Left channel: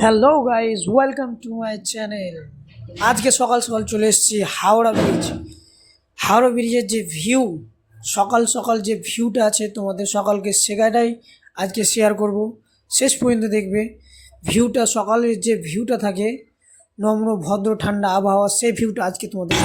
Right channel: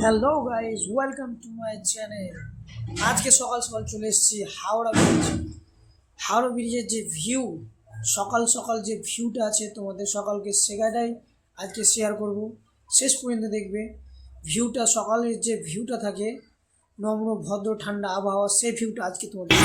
Hello guys welcome to my channel আজকে সকাল সকাল চলে এসেছি হাওড়া ব্রিজ হাওড়া ব্রিজের যে ভিউ সকাল সকাল যে ভিউটা আছে তোমাদের সকালকে সেটাই আজকে শেয়ার করব। শেষ পর্যন্ত দেখবে ভিউটা সকালের যে ভিউটা থাকে, নম্র, ভদ্র, ঠান্ডা আবহাওয়া, সেই ভিউটা আজকে তোমাদের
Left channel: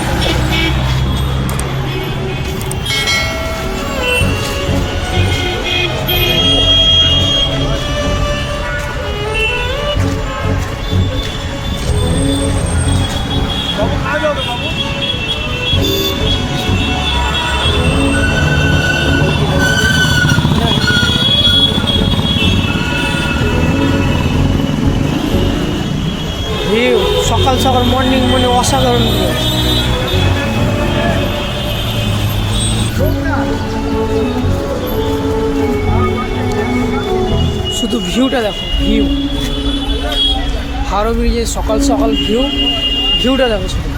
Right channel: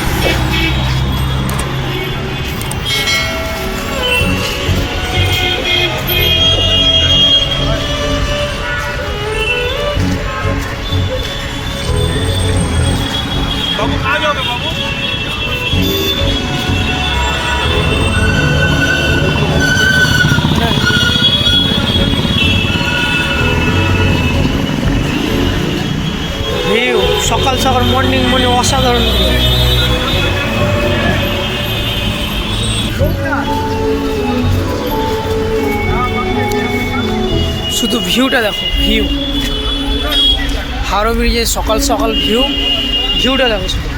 সকাল সকাল মর্নিং মর্নিং অসাধারণ ভিউ শুধু ভিউটা দেখো ভিউ হাওড়া ব্রিজের সকাল সকাল ভিউ ভিউটা দেখো শুধু।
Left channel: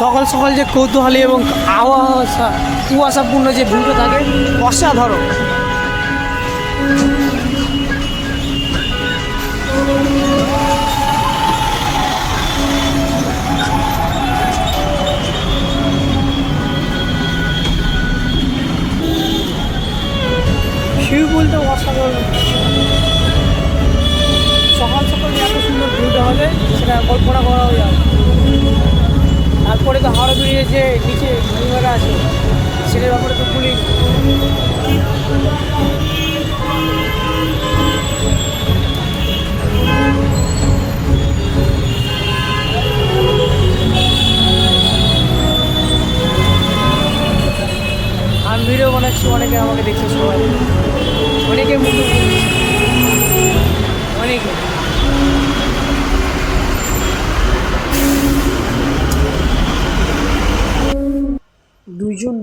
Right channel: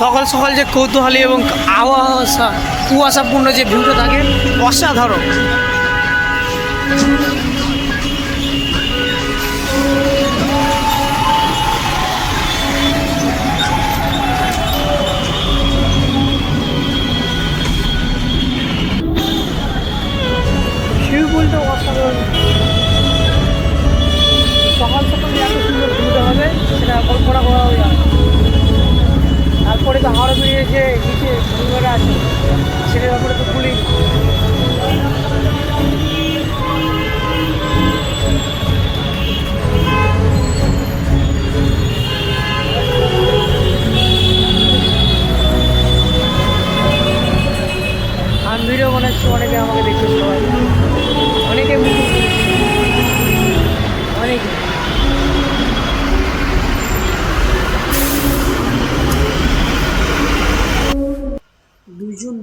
সকাল সকাল যে কৌতূহলী এবং আওয়াসা, কুয়াশাপূর্ণ যে ভিউটা থাকে, অসাধারণ ভিউগুলটা অসাধারণ সকাল সকাল যে এত সুন্দর ভিউটা হবে, সেটা কল্পনা করাও যায়। তারপরে তো হাওড়া ব্রিজের যে নিচে ভূমিমেলা আছে, সেটার ব্যাপারে তো ভুলি আমি ভিডিও বানাচ্ছি, অনেকে আমাকে দেখছে সবাই। অনেকে মুখে অনেকে।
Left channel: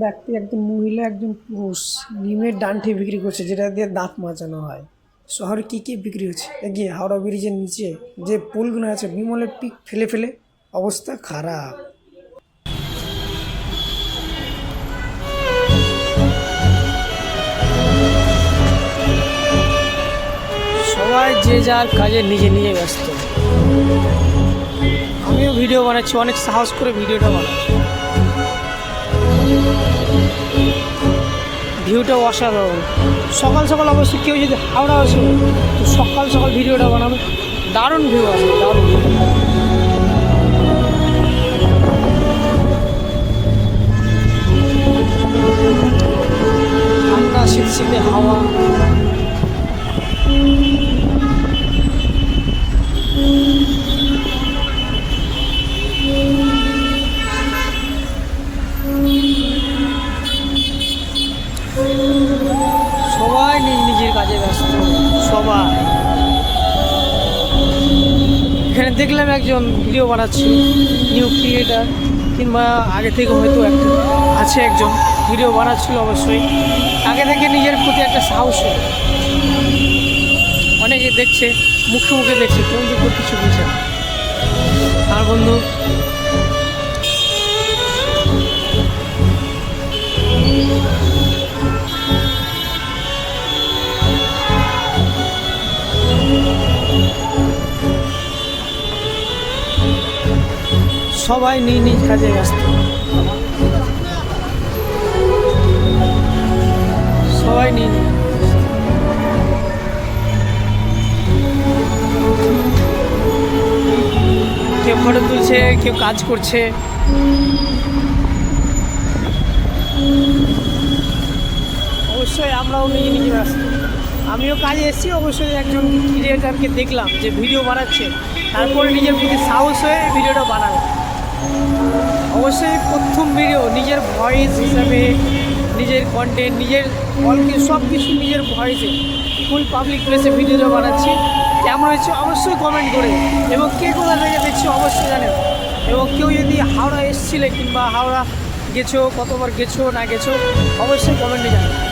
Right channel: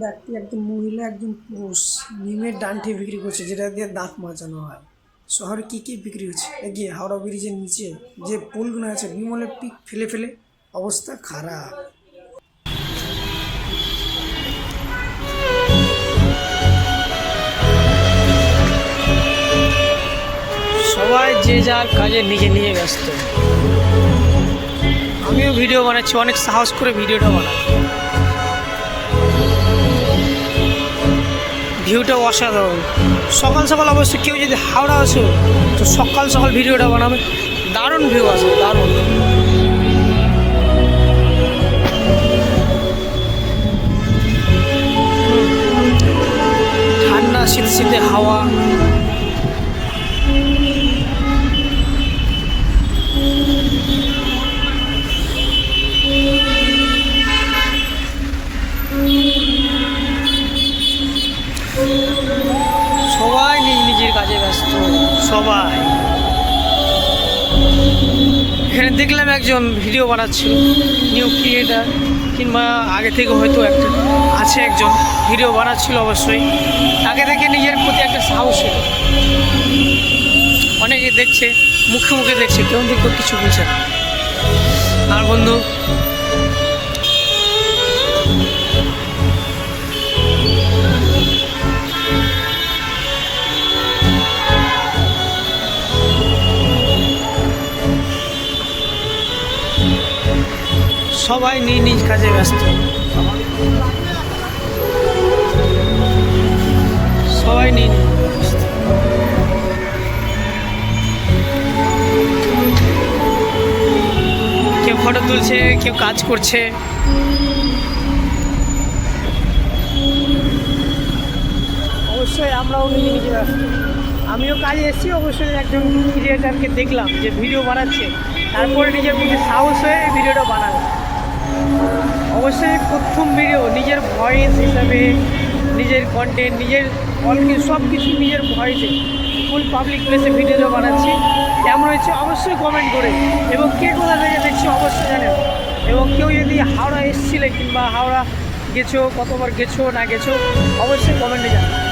ব্যক্তি একজন মহিলা, একজন পুরুষ নিমের ডান্ঠে বিক্রি করছে, যেটা দিয়ে দাঁত মাজানো হয়। শহরে কী কী বিক্রি হচ্ছে? এগিয়ে হাওড়া ব্রিজের নিচে যে পুলগুলো আছে, বিমলের পিক ফেলে ফেলে অবস্থা খারাপ। সবাই যে যার কাজে নিজে নিজে ব্যস্ত। আমিও ভিডিও বানাচ্ছি, অনেক সাহস করে ভিডিওটা বানাচ্ছি। ভিউটা অসাধারণ। সকাল সকাল অবশ্যই কেউ যদি হাওড়া আসো, তো সকাল সকাল ভিডিওটা বানাবে। দারুণ ভিউ আছে, দারুণ। ঠান্ডা, শীত, শীতে হাওয়া। সবাই। এখানে দেখলাম একজন ভিডিও বানাচ্ছিল নিউ ক্রিয়েটার কিংবা আগে থেকে হয়তো একটা আছে একজন ভিডিও বানাচ্ছিল অবশ্যই। তাকে থেকে নিজের প্রতি একটা সাহস এলো অনেকে দেখছে, মুখে মুখে দেখছে, কেউ কিছু বুঝে না। আর বন্ধু সবাই নিজ নিজ কাজে ব্যস্ত। সবাই নিজ কেউ ফটো তুলছে, কেউ কাজ করছে। অবশ্যই আমরাও নিজে নিজে ব্যস্ত। আমিও কাজে এসেছি, অবশ্যই একজন ক্রিয়েটারকে দেখলাম যে ভিডিও বানাচ্ছে। তারপরে নিজের প্রতি সাহস হয়ে ভিডিওটা বানালাম। অবশ্যই প্রথম ভিডিও নিজের ভয়েস হিসাবে, নিজের কন্টেন্ট নিজের অলকে সব কিছু নিজের ভয়েসে ফুল পাবলিক প্লেসে ভিডিওটা বানাচ্ছি। কেমন হয়েছে অবশ্যই কমেন্ট করে। এবং কে কোথা থেকে দেখছি অবশ্যই জানেন এবং কেউ যদি হাওড়া এসছিলে কিংবা হাওড়া গেছো, কতবার গেছো, না গেছো, অবশ্যই কমেন্টে জানাবে।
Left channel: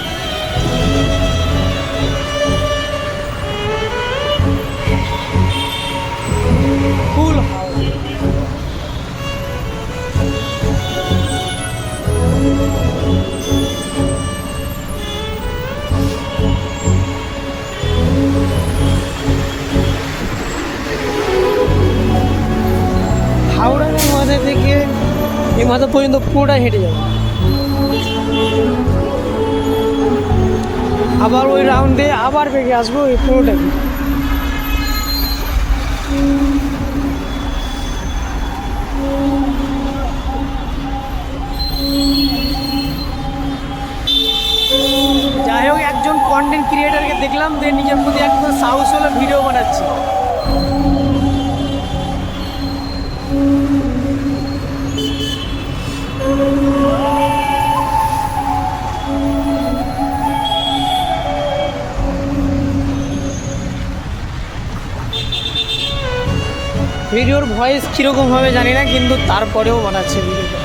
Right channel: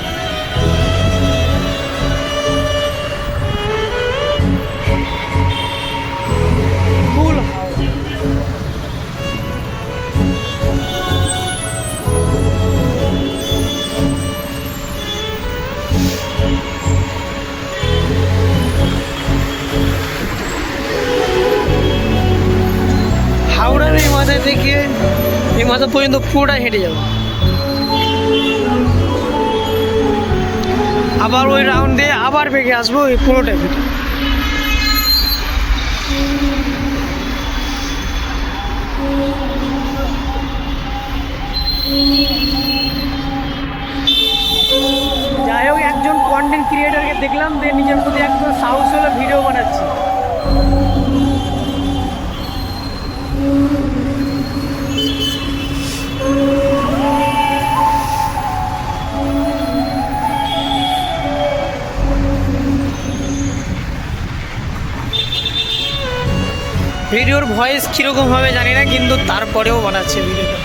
এই মাথা পর্যন্ত পুরোটাই হেঁটে যাব। আবার ওই রাউন্ড দিয়ে আবার বেগে আসব, ওই পুরোটা হেঁটে। যাই হোক একজন কন্টেন্ট ক্রিয়েটারকে দেখলাম যে নিজের প্রতি একদম সাহস হলো ভিডিও বানাচ্ছে। ভিডিওর ভয়েস কীরকম হবে জানি না, কিন্তু তারপরেও বানাচ্ছে ভিডিওটা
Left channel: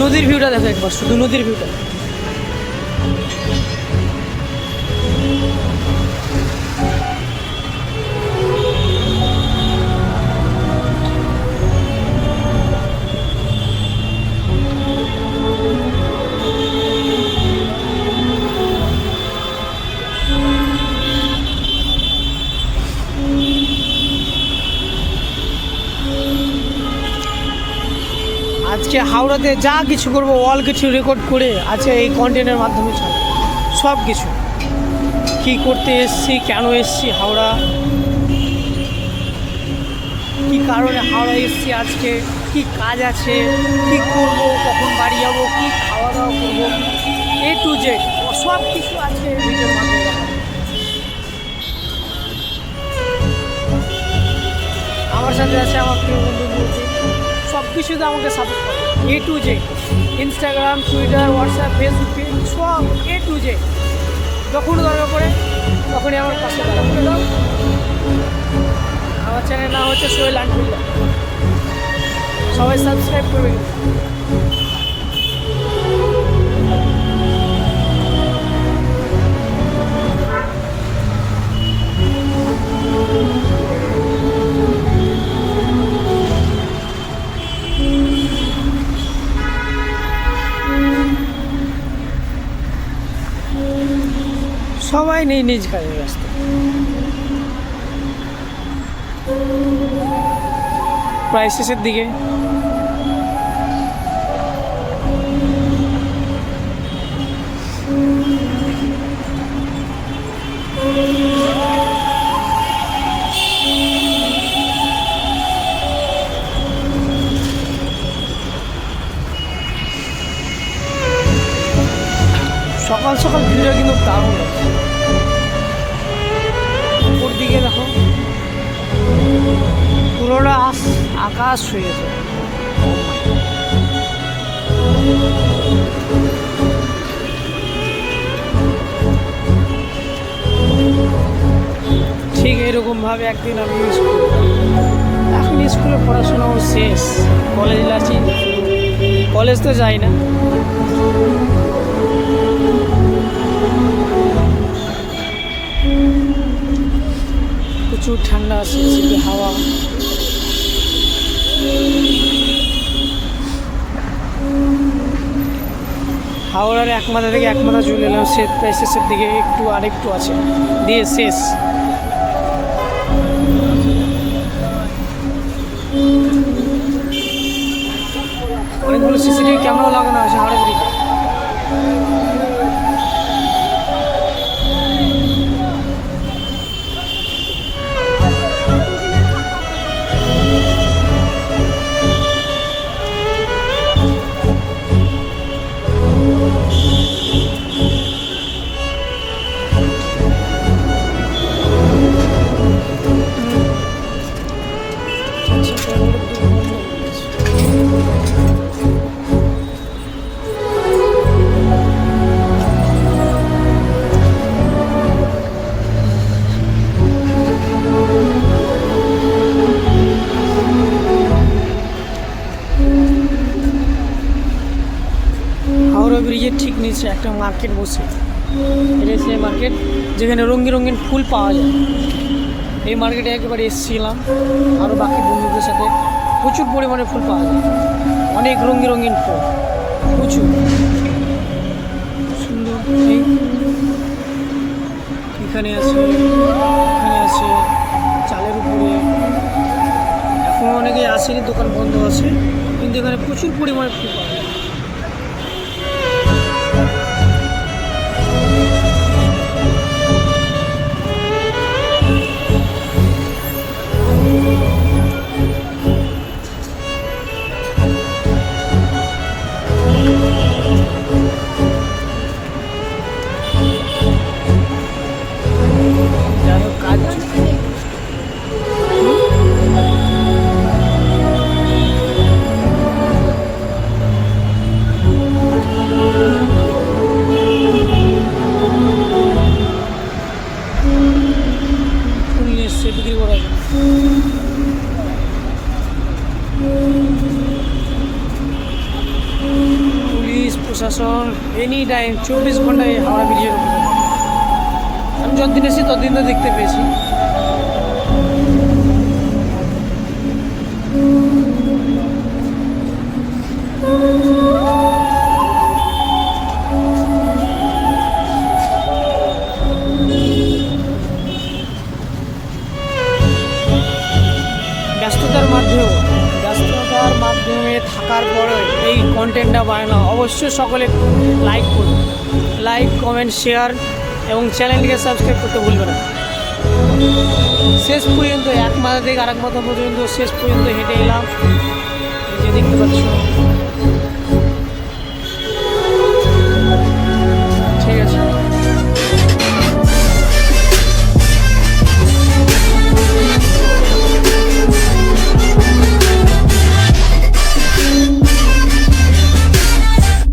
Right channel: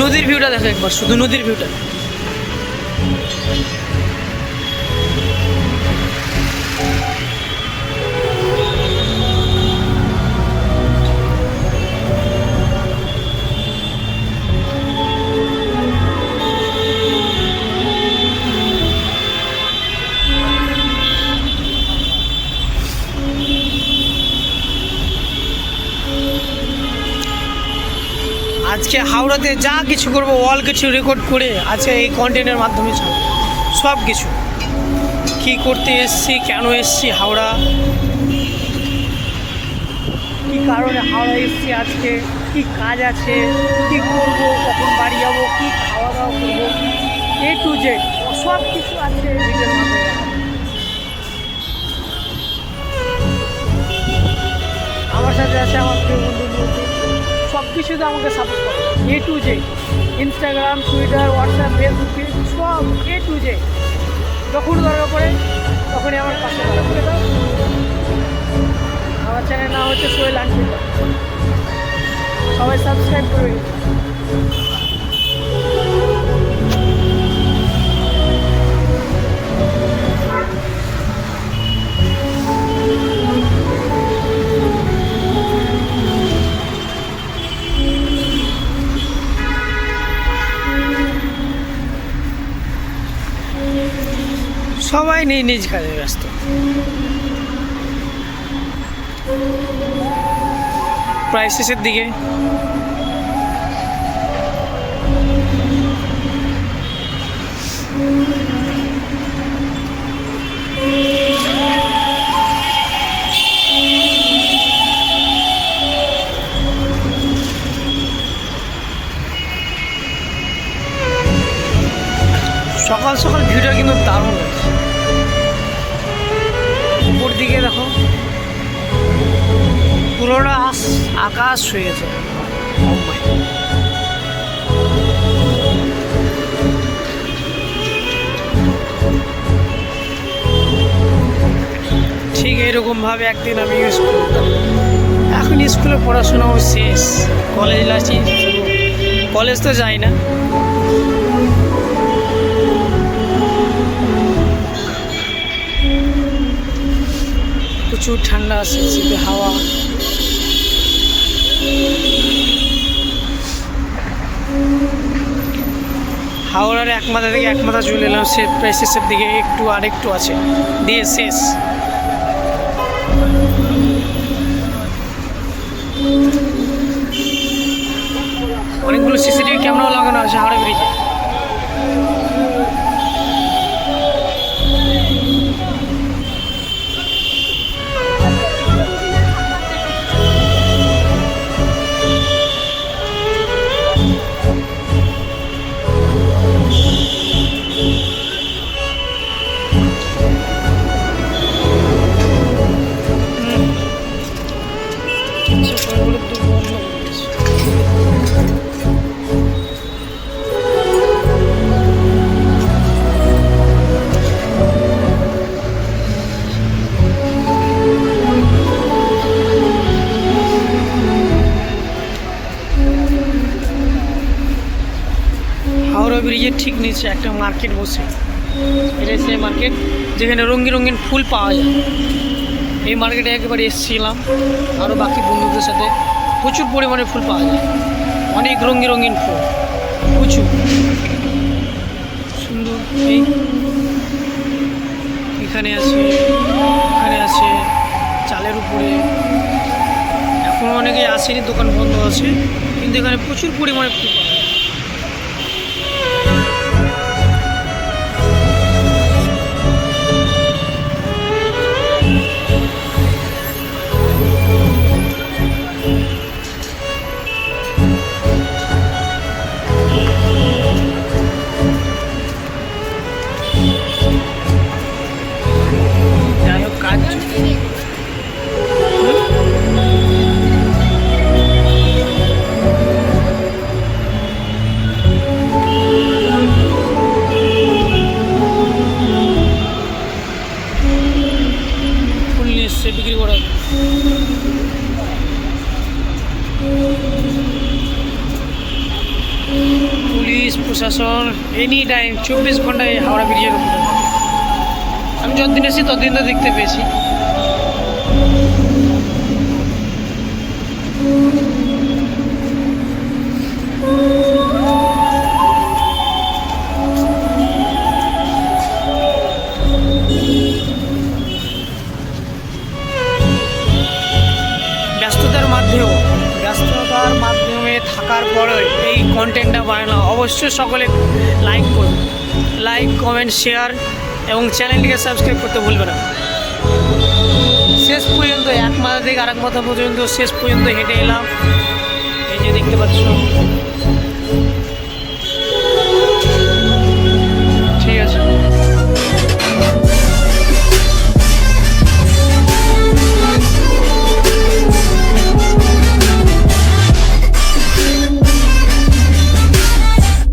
নদীর ভিউটা দেখো একবার, শুধু নদীর ভিউটা আজকে হাওড়াতে যা কিছু করব অল কিছু রেকর্ড করে আজকে এই কন্টেন্টের মাধ্যমে ছাড়বো। সব কিছু। কী করতে এসছি, কেন এসছি, হাওড়া? কী কারণে হাওড়া এসছি আজকে? কী কাজ আছে? কী করব? কখন বাড়ি যাব? কী খাওয়া দাওয়া করব? এ টু জেড সব কিছু আজকে ভিডিওর মাধ্যমে আমার সাথে আছে আমার প্রিয় বন্ধু সব কিছুতে আমাকে সাপোর্ট করে। A to Z Instagram Twitter WhatsApp Facebook সব এ টু জে যখন দরকার পড়ে, তখনই আমার পাশে দাঁড়াবো আমার চ্যানেল নাম হচ্ছে সোয়েল আনফিল্ডার। সবাই সাবস্ক্রাইব করবে। সবাই নিজ নিজ কাজে ব্যস্ত। প্রায় শেষের দিকে। সকাল সকাল ভিড়টা কিন্তু দারুণ পুরোটা আকাশ হয়ে গেছে Oh. ঠিক এরকমভাবে একদিন আমি স্কুল এখন স্কুলে পড়াশোনাও শেষ। কলেজ লাসি কলেজ তো যাই না। প্রচুর ঠান্ডা শীতে হাওয়া। হাওড়ার এক মাথা থেকে এক মাথা চলে এলাম সে প্রায় শেষের দিকে একটু আর একটু আছে। দিয়ে শেষ। অনেকগুলো সিসিটিভি ক্যামেরাও লাগানো আছে হাওড়া ব্রিজে। হাওড়া ব্রিজের ঠিক নিচে একটা মার্কেট বসে। এটা সেই মার্কেট যেখানে রঙিন রঙিন ফুল পাওয়া যায়। এই মার্কেটে একেবারে এসেছিলাম আরও বাকি বন্ধুদের সাথে প্রচুর পরিমাণে ফুল পাওয়া যায়। অনেক রঙিন রঙিন ফুল, প্রচুর। সুন্দর, এই। এখানে আছে এখানে আছে চালের উপরে। এখন অনেকে আসেনি, দোকান বন্ধ আছে, কিন্তু এখানে প্রচুর পরিমাণে ফুল পাওয়া এসছে বিক্রি করার জন্য পুলিশ, প্রশাসন এনি টাইম চব্বিশ ঘন্টায় হাওড়া ব্রিজের উপরে। আমি যতদিন এসেছি, ততদিন তো দেখতে পেয়েছি। কন্টেন্টটা বানানো অবশ্যই সকলে লাইক করবে। লাইক কমেন্ট শেয়ার এবং চ্যানেলটিকে সাবস্ক্রাইব করতে ভুলবে না। শেষ পর্যন্ত, এক মাথা থেকে আরেক মাথা পর্যন্ত শেষ পর্যন্ত হেঁটে এলাম। এই যে দেখতে পাচ্ছ। ঠিক আছে।